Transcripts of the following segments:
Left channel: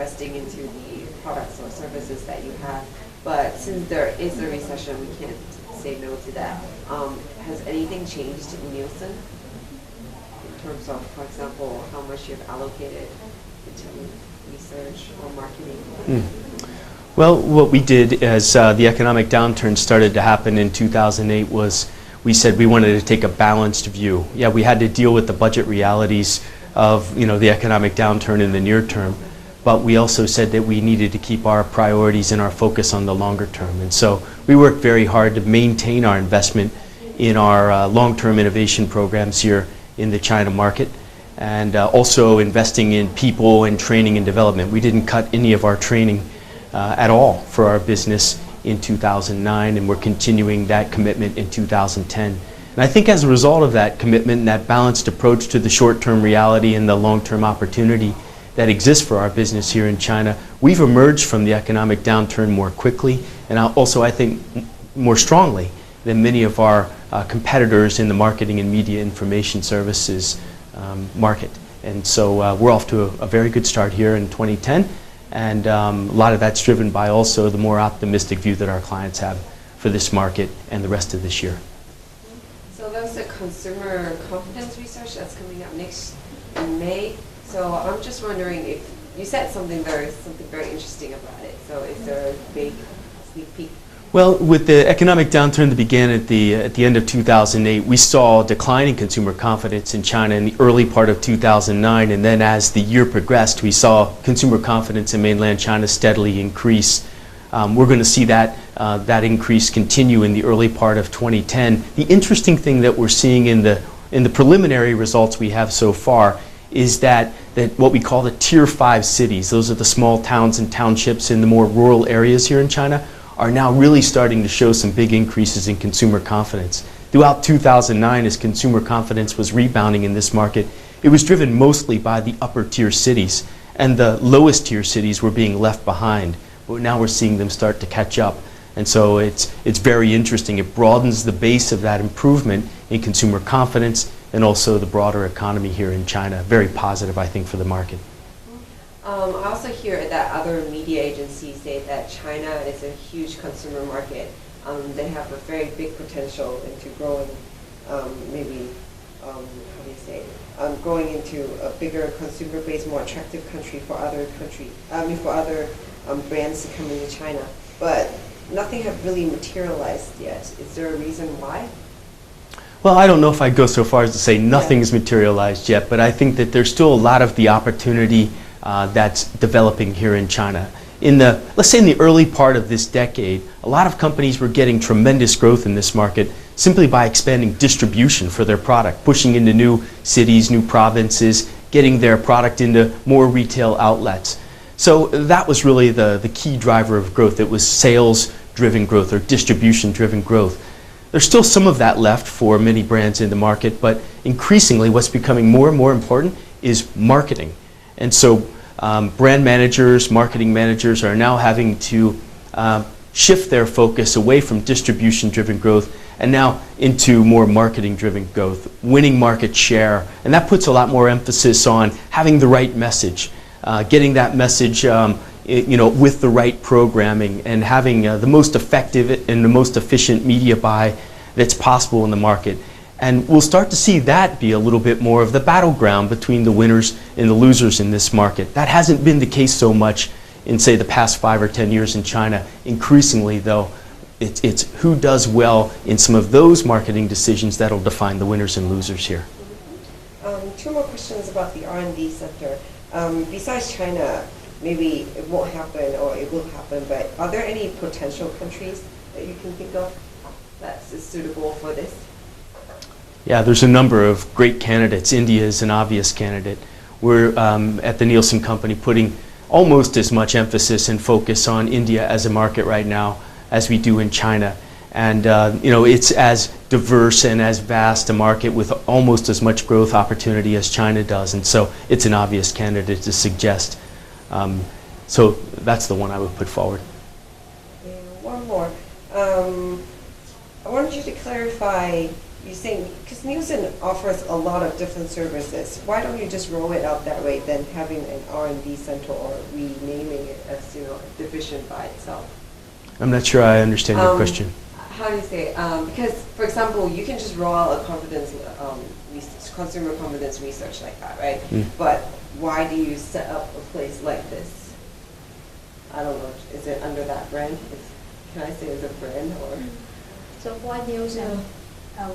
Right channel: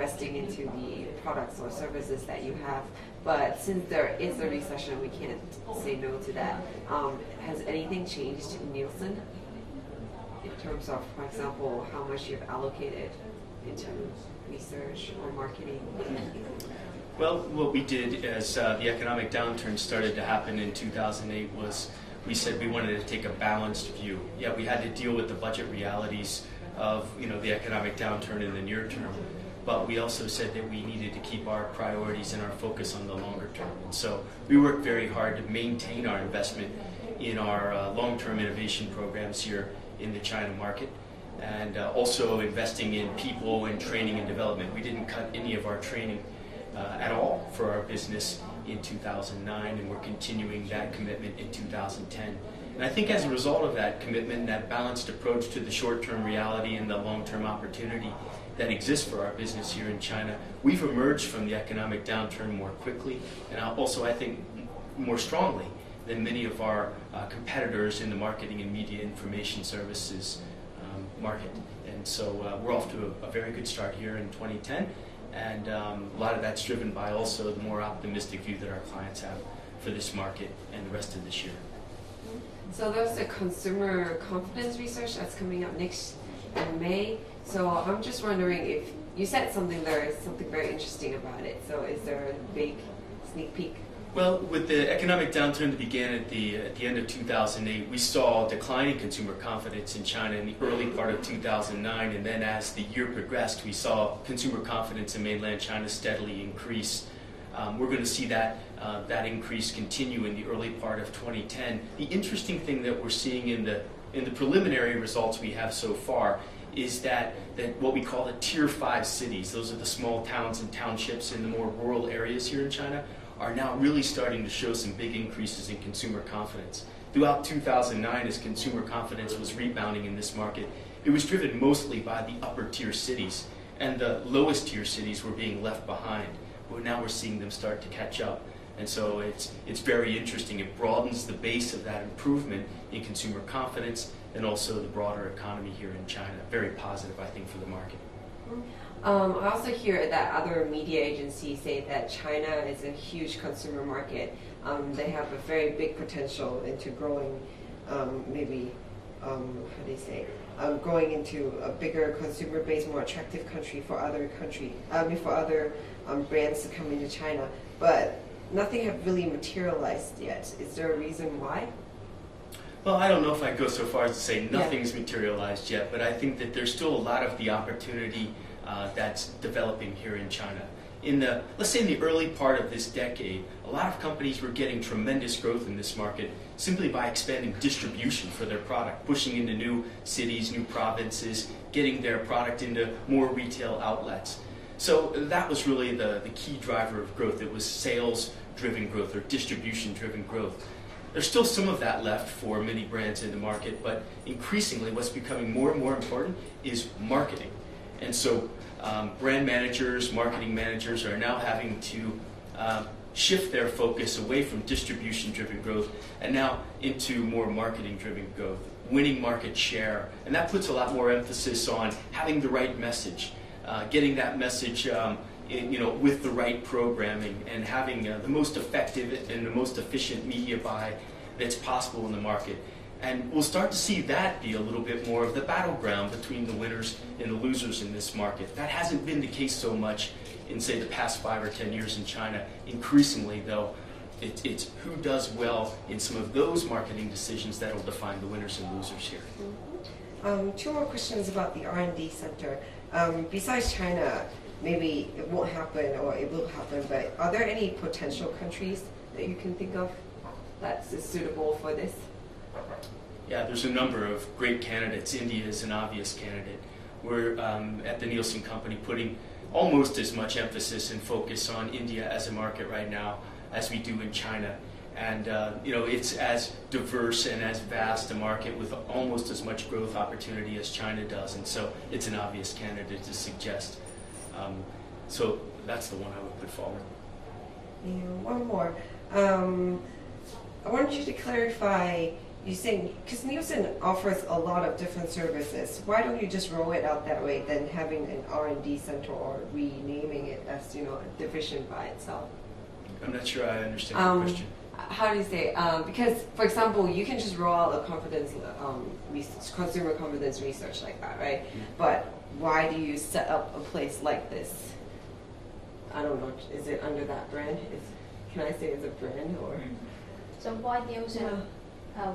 investing into the products or services that you have. But since there is a recession, we can't say no to that. Has anything changed in Nielsen in terms of, for example, how much you've allocated into research or marketing? Well, what we did as the economic downturn started to happen in 2008 was we said we wanted to take a balanced view. Yeah, we had to deal with the budget realities of the economic downturn in the near term, but we also said that we needed to keep our priorities and our focus on the longer term. And so we worked very hard to maintain our investment in our long-term innovation programs here in the China market, and also investing in people and training and development. We didn't cut any of our training at all for our business in 2009, and we're continuing that commitment in 2010. And I think as a result of that commitment and that balanced approach to the short-term reality and the long-term opportunity that exists for our business here in China, we've emerged from the economic downturn more quickly, and also I think more strongly than many of our competitors in the marketing and media information services market. And so we're off to a very good start here in 2010. And a lot of that's driven by also the more optimistic view that our clients have for this market and the rest of this year. So there's a consumer confidence research that's coming up next in May. So I'm just wondering if you said something very interesting about it. So is there a big sneak peek? Well, with the economic downturn that began at the end of 2008, we saw declining consumer confidence in China in the early part of 2009, and then as the year progressed, we saw consumer confidence in mainland China steadily increase. We're going to see that increase continue in the early part of 2010. The interesting thing that we're seeing in the preliminary results we have so far is that what we call the Tier 5 cities, those are the small towns and townships in the more rural areas here in China, are now really starting to show some big increases in consumer confidence. Throughout 2009, as consumer confidence was rebounding in this market, it was driven mostly by the upper tier cities, and the lowest tier cities were being left behind. But now we're seeing them start to catch up. And so it's very interesting. It broadens the base of that improvement in consumer confidence and also the broader economy here in China. Very positive, I think, for the market. I also hear that other media agencies say that China is a huge consumer market. They have a very big potential into growing, growing into a bigger consumer base, more attractive country for other brands to come into China. But nothing have really materialized yet. Is there a reason why? Well, I don't know if I'd go so far as to say nothing's materialized yet, but I think that there's still a lot of the opportunity that's developing here in China. Let's say in the early part of this decade, a lot of companies were getting tremendous growth in this market simply by expanding distribution for their product, pushing into new cities, new provinces, getting their product into more retail outlets. So that was really the key driver of growth. It was sales-driven growth or distribution-driven growth. There's still some of that left for many brands in the market, but increasingly what's becoming more and more important is marketing. And so brand managers, marketing managers are now having to shift their focus away from distribution-driven growth and now into more marketing-driven growth, winning market share. And that puts a lot more emphasis on having the right message, getting that message with the right programming, and having the most effective and the most efficient media buy that's possible in the market. And we'll start to see that be a little bit more of the battleground between the winners and the losers in this market. That hasn't been the case so much in, say, the past 5 or 10 years in China. Increasingly, though, it's who does well in some of those marketing decisions that'll define the winners and losers here. 2 more questions about the R&D sector. Besides China, maybe it won't happen or it will happen, but are there any potential countries that you can think of that's suitable for this? Yeah, there's a number of great candidates. India is an obvious candidate. We're at the Nielsen company putting almost as much emphasis and focus on India as a market right now as we do in China. And it's as diverse and as vast a market with almost as much growth opportunity as China does. And so it's an obvious candidate to suggest. So that's the one I would put forward. And one more. I wanted you to clarify you saying, because Nielsen offers a lot of different services, why don't you just roll it out that way than having an R&D center or renaming it as, you know, a division by itself? I'm not sure I understand your question. How do you say? Because, for example, you can just roll out a consumer confidence research like that, right? Mm. But why do you set up a place like this? I don't know. Is it under that brand? Can I say it's a brand or? So why Nielsen?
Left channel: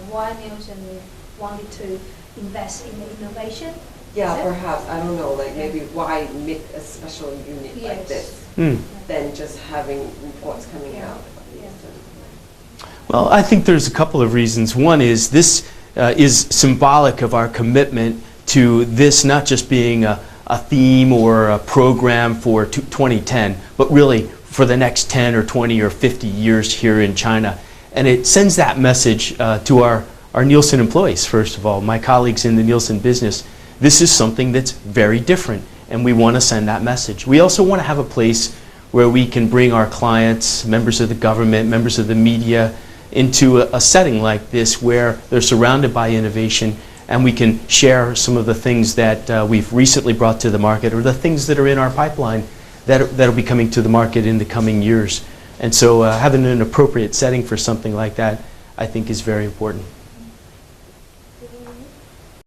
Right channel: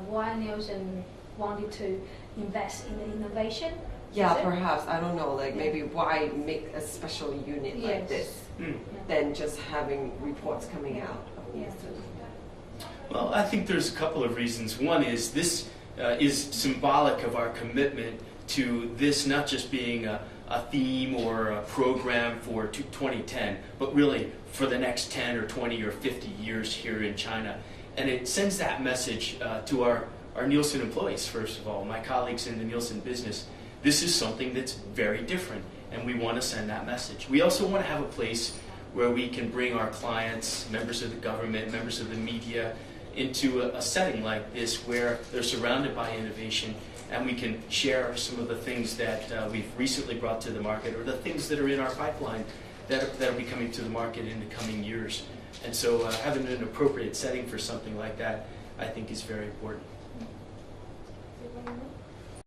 Why Nielsen wanted to invest in the innovation? Yeah, perhaps. I don't know. Like maybe why make a special unit like this than just having reports coming out? Well, I think there's a couple of reasons. One is this is symbolic of our commitment to this not just being a theme or a program for 2010, but really for the next 10 or 20 or 50 years here in China. And it sends that message to our Nielsen employees, first of all, my colleagues in the Nielsen business. This is something that's very different, and we want to send that message. We also want to have a place where we can bring our clients, members of the government, members of the media, into a setting like this where they're surrounded by innovation, and we can share some of the things that we've recently brought to the market or the things that are in our pipeline that'll be coming to the market in the coming years. And so having an appropriate setting for something like that, I think, is very important.